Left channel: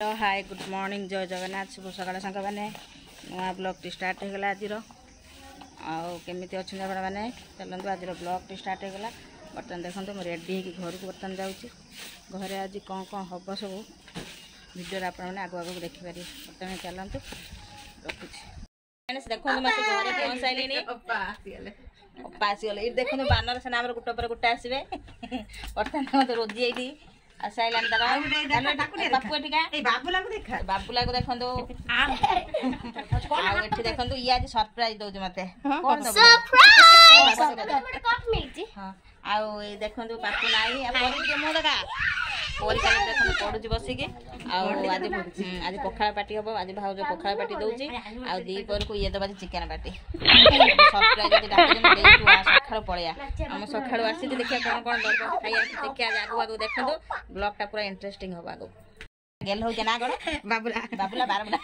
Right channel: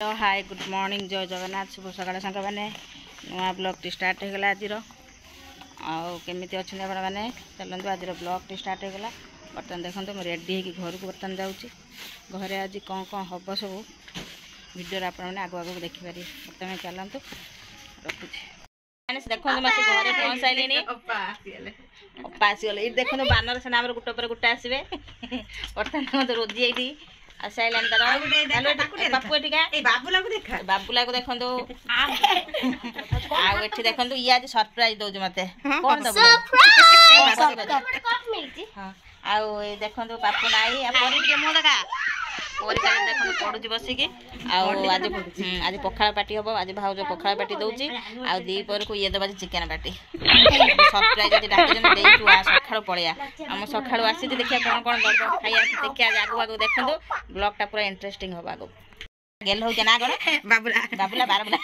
Hi good morning जय जगन्नाथ शुभ सकाल सांग मैंने नुआ ब्लॉग टी स्टार्ट होगा आज आमी अच्छा मैंने चलते आज ब्लॉग टी स्टार्ट होगा बर्तमान देखो मुझे रेडी हो घर को बर्तमान जाऊँगी घरे आज कौन कौन हम सब वीडियो आप आगु आगू देखिपारे बर्तमान चलतु रखुच्छी देखो मासी घर पहुँच सारे अपा आसीगले देखो बानर सेना गोटे पर गोटे आसवे बर्तमान मत रोजी ये आसाइलान बापू बाबुला को देखो आठी देखो ये आज सरप्राइज दौर मत देखो पापू नाई मो देखा देखो पड़ू बसिकी आज आज पखाड़ पार्टी हम आज भाज पखाड़ पार्टी दौची आपर को ये दबा चिकेन पार्टी सरप्राइज आज डाक सका पलिया आम सका आसी देखिए कौन कौन दरकार खाइया देखिए आज आगू आगू देखो ब्लॉग पूरा इंटरेस्टिंग हम आगू गेल हो ना कौन बाबुला बाबुला बारबुला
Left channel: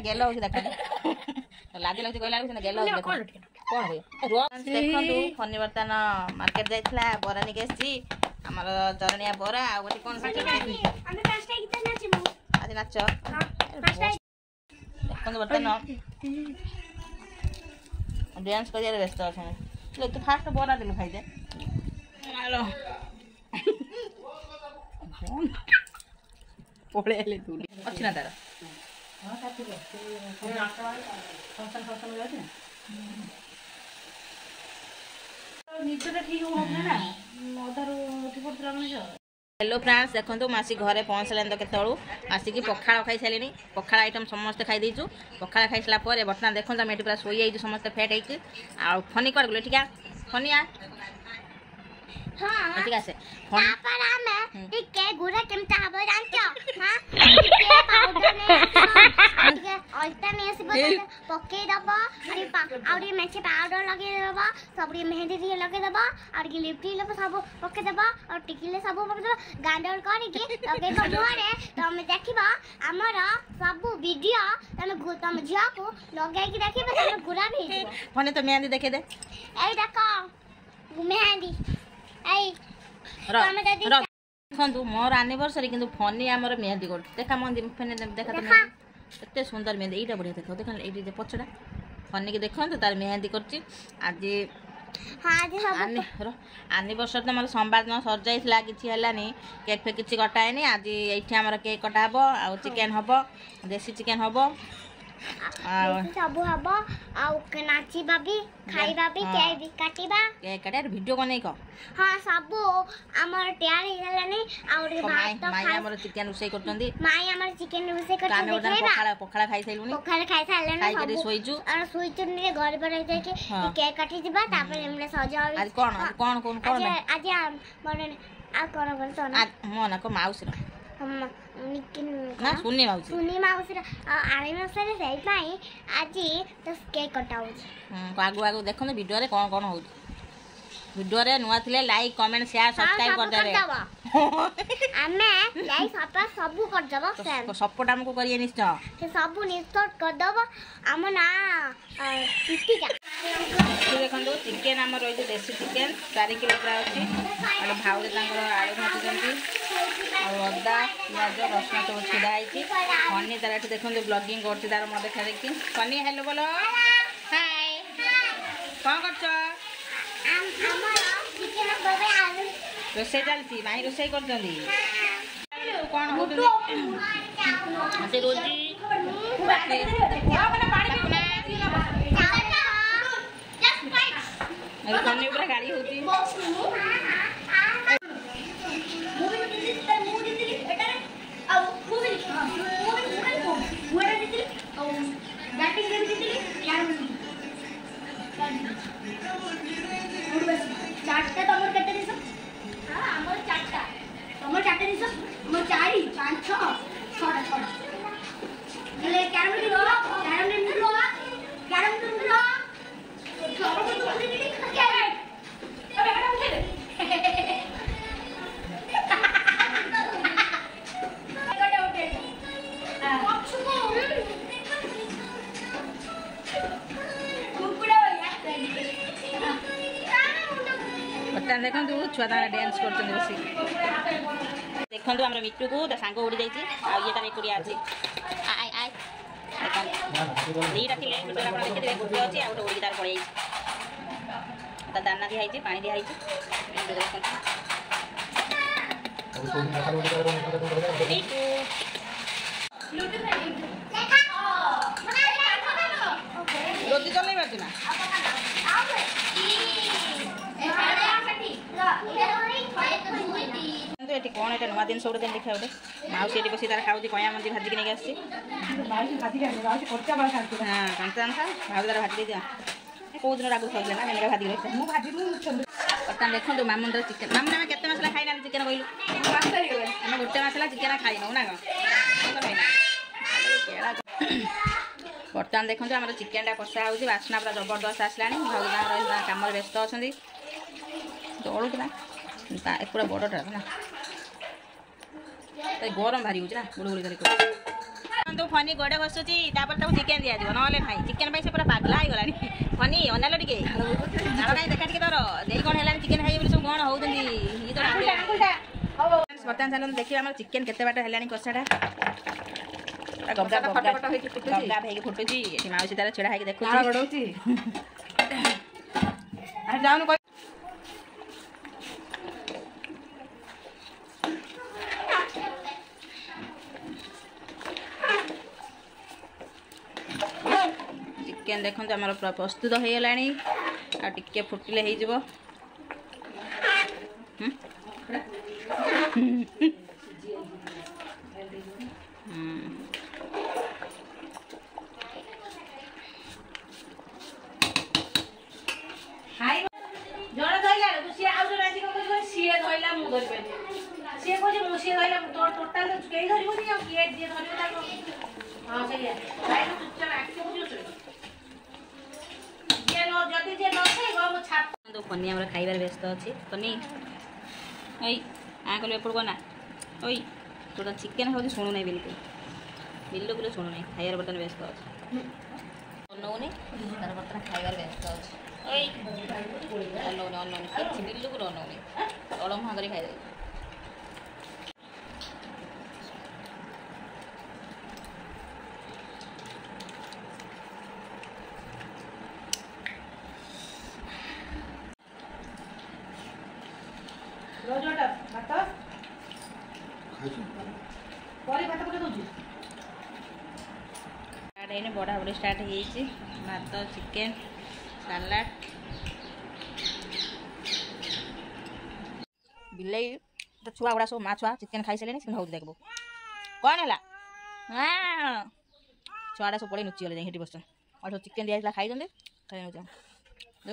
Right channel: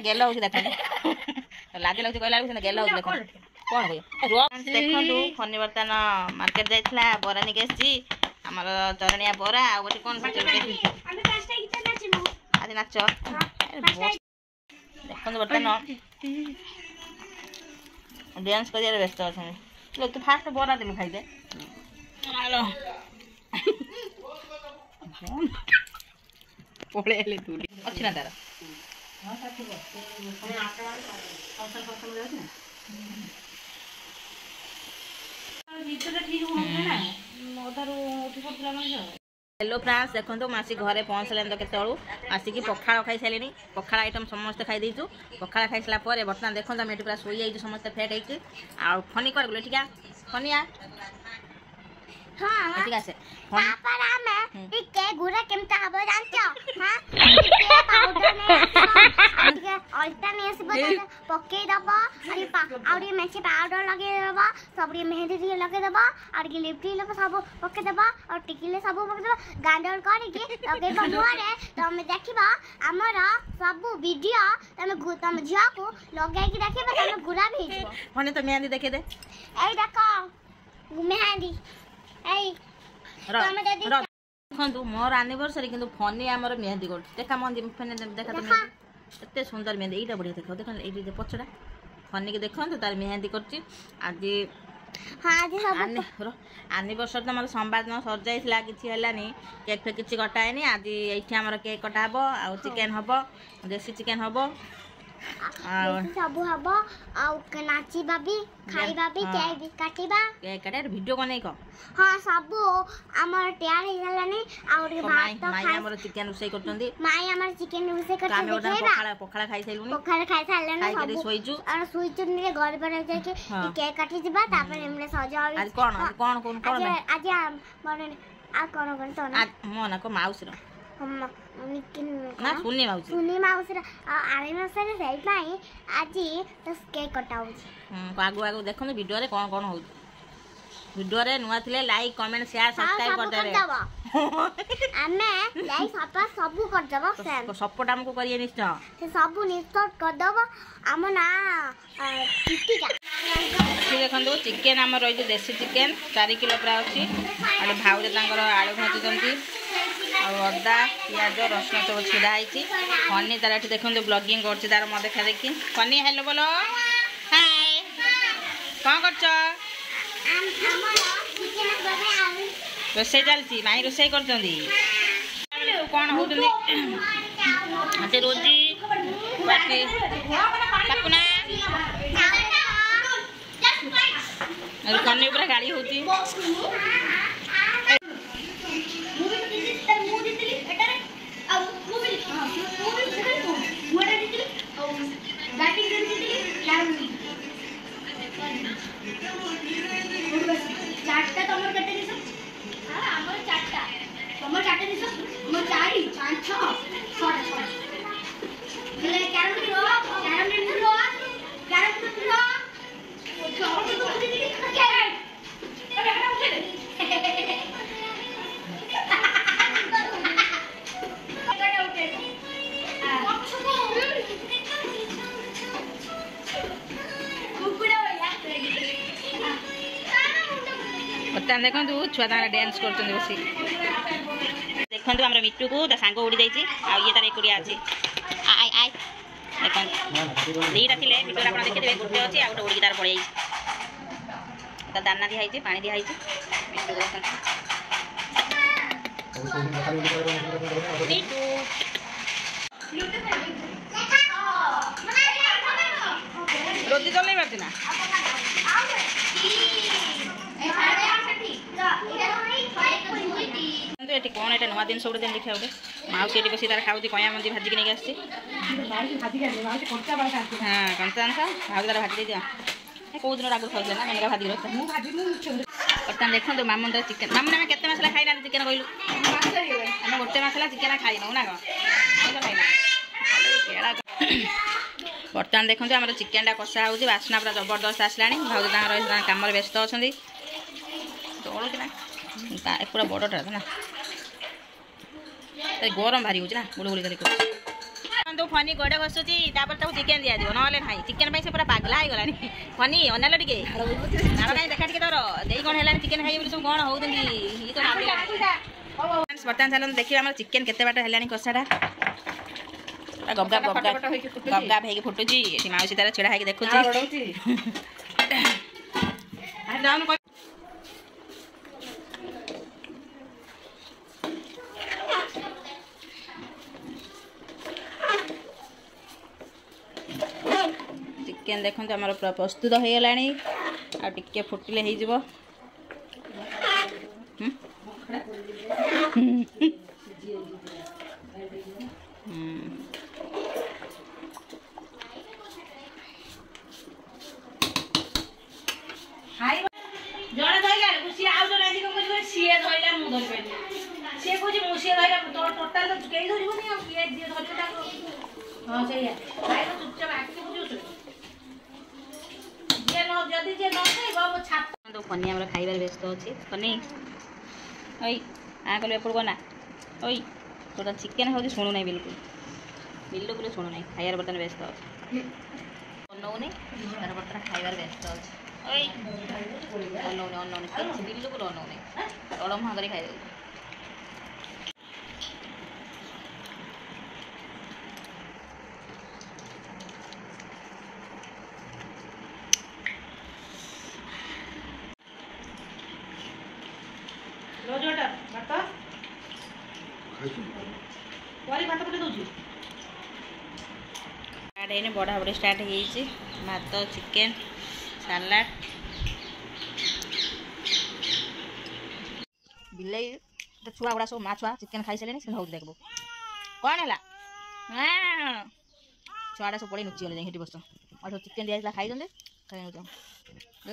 गेल हो देख लाज लगे कहला गेल हो देख कौन देखो फनी बर्तमान मार्केट जाइला बरा निके आमर चरणिया बरा आ गोटे कौन आज नाच देखो बर्तमान डांस कर व्यस्त अच्छा तू फास्ट बरा देलु खाइदे पड़े अच्छी ना तार हेलो फ्रेंड्स देखो मासी घरे पहुँचल तो केतु आसिक पखाड़ खाई सारे पखाड़ आइटम समस्त खाई देचु पखाड़ खाई सारा बर्तमान देखो आम ये पूरा शोई समस्त फेक होती आ फनी कर गले ठीक है फनी आ ठीक है तापर हमें टिके गुरा केमता हबो जानछो हां टिके पाउडर ने टिके अल्टा ने से बता पके दबा और ये मैचे पाउडर लगे दबा सब ये मेहंदी दिए लगे दबा और ये लिपस्टिक लगे सब पके दबा और टिकले सब पके दबा गांडल करके लगे मुहरे तो हम देखिबा हमर सब वीडियो तमे झिया को लगाई के देखिबा तमे गुरा भी हिजबो फने तो मेहंदी देखे दे ए देखो मेहंदी ए देखो मोर एनिवर्सरी किंतु फनी आमर मेहंदी कर देखा मन देखा तो एत सुंदर मेहंदी यहाँ बढ़िया देख देख ये पछड़ा फनी की देखो तार मेहंदी कर आज एनिवर्सरी तो मोर सोमवार दिन सर जाइला किसी है केक फेक किसी कटाएनी आज ये केक कटा हम आ चिकेन हम देसी चिकेन हम सब हबो आ नाचीबा भी खाइबा भी केक भी काटिबा केक काटे वीडियो को नहीं को हां सब हमर तैयार हे गलानी और भात तो माई हमर चिकेन उसे करतंदी माई हमर चिकेन उसे करते देखेबा पखाड़ा खाई साइलुनी पखाड़ा खाई साइलने सब सोइजु और सोइजु ने घर पर जाय के केक काटी दिबा तापर हमरे सजावी आज कौन आज मने आ कौन तो आज मोना को माउस रो हम ना सुनी माउस आरे मासरे सही पाई आज तो केक कटाउ आगु आगु देखो वीडियो रे कौन कौन हो वीडियो रे नुआ थिले लाइक कमेंट शेयर सब्सक्राइब कर देबे हमें लाइक सब्सक्राइब सब कर देबो सेम सपोर्ट हमको करिए निश्चय से सब निश्चय कर देबो हम ना टिटिका देखो चिकेन आम रही देसी चिकेन 4 किलो प्राय अच्छी और भाउज आलू भाजुंट अदा पिज रसुण सब छिड़ाई फनी तार ये देखो ब्लॉगिंग कर तार मत देखा देखी फनी हेलो बोलो हाय कौन कर रोसे चलती माई रोसे कर कौन हो रोजी पाकुना फनी पूरा गाड़ी होती ବର୍ତ୍ତମାନ ଦେଖନ୍ତୁ ଛୁଆ ତାଙ୍କର ଡ୍ୟାନ୍ସ କରୁଛନ୍ତି ବସି। ଦେଖନ୍ତୁ ଆମର ମିଟୁକୁ ତା ସାଙ୍ଗ ଉଡ଼ି ଯାଇଛି ଆଉ ଇଏ ତାର ଏକୁଟିଆ ଅଛି। ଆଇ ଆଇ ଦେଖନ୍ତୁ ଦୁଇଟା ଥିଲେ ମିଟୁରେ ଆପଣ ଦେଖିଥିବେ ଗୋଟେ ଅଛି ଆଉ ଗୋଟେ ଉଡ଼ିକି ତାର ପଳେଇ ଯାଇଛି। ତା ଦାନା ଦିଆହେଇଛି ପାଣି ଦିଆହେଇଛି ମିଟୁ ଦେଖନ୍ତୁ ମିଟୁ ରୋଜି ଚଲେଇ ପାରୁଛି ନା ଏଠି କ'ଣ ଏଇଟା ନୂଆ ଜିନିଷ ଗୋଟେ ଦେଖିବା ଗୋଟେ ମାଉସୀ ଏଠି ବସି ତାର ଖାଉଛି କଇଁଆ ମଞ୍ଜି ଭାଜିକି ନେଇକି ଆସିଛି। ହଁ କଞ୍ଚା ଅଂଶ ଭାଉଜ ତାର ଭାଜି ଦେଇଦିଅ କେଉଁ ଦିନ ଆଗରୁ ଖାଉଥିଲେ ନା ମେନକା ଭାଜିକି ରଖିଥିଲେ। ବର୍ତ୍ତମାନ ଦେଖନ୍ତୁ ମାମୁନର ଚିକେନ୍ ମାମୁନ ଆମେ କେତେ ମାସ ହେଲା ଖାଇନାହାନ୍ତି ଚିକେନ୍ କହିଲୁ? ଆମେ ଗୋଟେ ମାସ ହେଲା ଚିକେନ୍ ଖାଇନଉ ନା କ'ଣ ଖାଇନା। ବର୍ତ୍ତମାନ ଦେଖନ୍ତୁ ଆମର ଚିକେନ୍ଟା କଷା ହେଉଛି ବାସ୍ନା ପୁରା ଜବରଦସ୍ତ ଆସିଲାଣି। ଭାଉଜ ତାଙ୍କର କାମରେ ବ୍ୟସ୍ତ ଅଛନ୍ତି। ଦଳୁଛି ନା ପୁରା ବଡ଼ଟା ନା ଗରମ ଭାରି ହେଉଛି ନା ଗୁଳୁଗୁଳି କରି କରୁଛି। ଫନି ଗୋଡ଼େ ବସୁଛି ତାପରେ ତାକୁ ଚିକେନ୍ ଦିଆଯିବ ନହେଲେ ନାହିଁ। ଚିକେନ୍ ପାଇଁ ସେ ପୁରା ପାଗଲା ହେଇଗଲାଣି। ଫନି ଅନାଲ ଟିକେ ନାଳ କାହିଁ ଦେଖା ଟିକେ ତୋର ଦେଇ କ'ଣ ହେଲାଣି ଚିକେନ୍ ଖାଇବେ ବୋଲି ସବୁ କ'ଣ ହେଉଛନ୍ତି ଇଏ ତ ରାନ୍ଧିଲାଣି। ବର୍ତ୍ତମାନ ଚାଲନ୍ତୁ ଦେଖିବା ଆମର ଚିକେନ୍ କେତେ ବାଟ ହେଲାଣି କଷାଟା। ଗବଗାବ ହେଇକି ଫୁଟୁଛି। ଏଠି ମାଉସୀ ତାର ଛିଡ଼ା ହେଇକି ଦେଖୁଛି। ଚିକେନ୍ ଦେଖନ୍ତୁ ଆମର ପୁରା ପ୍ରସ୍ତୁତ ହେଇଗଲାଣି ଆଉ ଟିକେ ଫୁଟିଲେ ହେଇଯିବ। ଜଣେ ଧରିଲା ସିଏ ଆଉ ଜଣେ ଆଜି କ'ଣ କରିବ ସିଏ ଧରିଲା ମୁଁ ଧରିପାରିବି ସିଏ କହୁଛି ମୁଁ ସିଏ ଧରିଲା ଟୋଟାଲ କେହି ଧରିବନି ଆଉ କିଏ ଯିଏ ଧରିବ ତାକୁ ହଁ ସେଇଆ ଚୁପଚାପ ଆଖି ବୁଝୁଛୁ ଯଦି ଯିଏ ନ ଖାଇବ ମୋ ଛାତ ଫନି ଆମର ଖାଇବାରେ ବ୍ୟସ୍ତ ଅଛି। ଫନି ଓଇ କଲୁ ଏପଟକୁ ନା ଓଇ ତୋର ଚିକେନ୍ ହେଉଛି ଶୁଣୁନାହିଁ ବିଲକୁଲ ଶୁଣୁନାହିଁ ଖାଇବାର ବର୍ତ୍ତମାନ ବ୍ୟସ୍ତ ଅଛି। ଅନଉନି ତାର ବର୍ତ୍ତମାନ ଖାଇବାର ବ୍ୟସ୍ତ ଅଛି। ଓଇ ଅନଉନି କିଛି ବିଲକୁଲ ଅନଉନି ତଳ ମୁହଁ କରି ଖାଇଦେଉଛି। ବଢ଼ାବଢ଼ି ଷ୍ଟାର୍ଟ ହେଇଛି। ଭାତ ଚିକେନ୍ ସାଲାଡ଼ ବିଲେଇ ଛୁଆ ଗୁଡ଼ା ସବୁ ମା ଛୁଆ ଚିକେନ୍ ଖାଇସାରିଲେଣି ସେ ହେଉଛି ଦେଖିବୁ କ'ଣ ହେଲା ଛୁଆଟା ସବୁ ପଳେଇ ନୁଚିଗଲେ ଯାଇ ସେଠି ବସୁଛନ୍ତି ଆଉ ସବୁ ଚିକେନ୍ ଦିଆଯାଇଥିଲା ଖାଇଛନ୍ତି ଖାଇ ନେଉଛ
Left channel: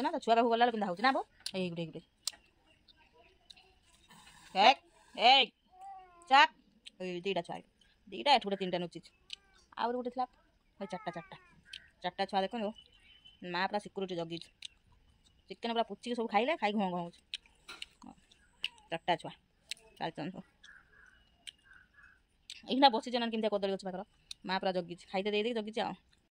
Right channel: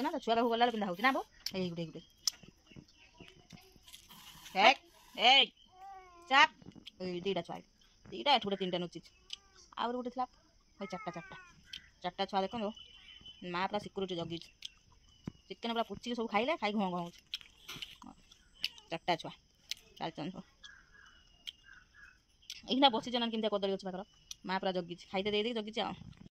ନା ତ ଛୁଆ ପାଖକୁ ଗଲାବେଳେ ପିନ୍ଧା ହେଉଛି ନା ବୋ ଏଇ ଗୋଟେ ଏଇ ଚାପ ଏଇ ଦୁଇଟା ଛୁଆ ଦୁଇଟା ଏଠୁ ଗୋଟେ ତିନିଟା ନୁଚିଛି ଆହୁରି ଗୋଟେ ଥିଲା ଭାଇ ଚାରିଟା ଛୁଆ ଦେଖନ୍ତୁ ମା ପୁରା ସିକ୍ୟୁରିଟି ଜଗିଛି। ଚିକେନ୍ ପୁରା ପୁଚିକି ସବୁ ଖାଇଲେ ଖାଇକି ଘଁ ହେଉଛି। ଚାରିଟା ଛୁଆ ଚାଲିଛନ୍ତି ସବୁ ଏଇନା ବସିଛ ନା କେମିତିଆ କଦଳୀ ଗଛ ପାଖର ମା ପୁରା ଜଗିଛି ଖାଇତେ ଦେଇଦେଇକି ଜଗିଛି ଆଉ।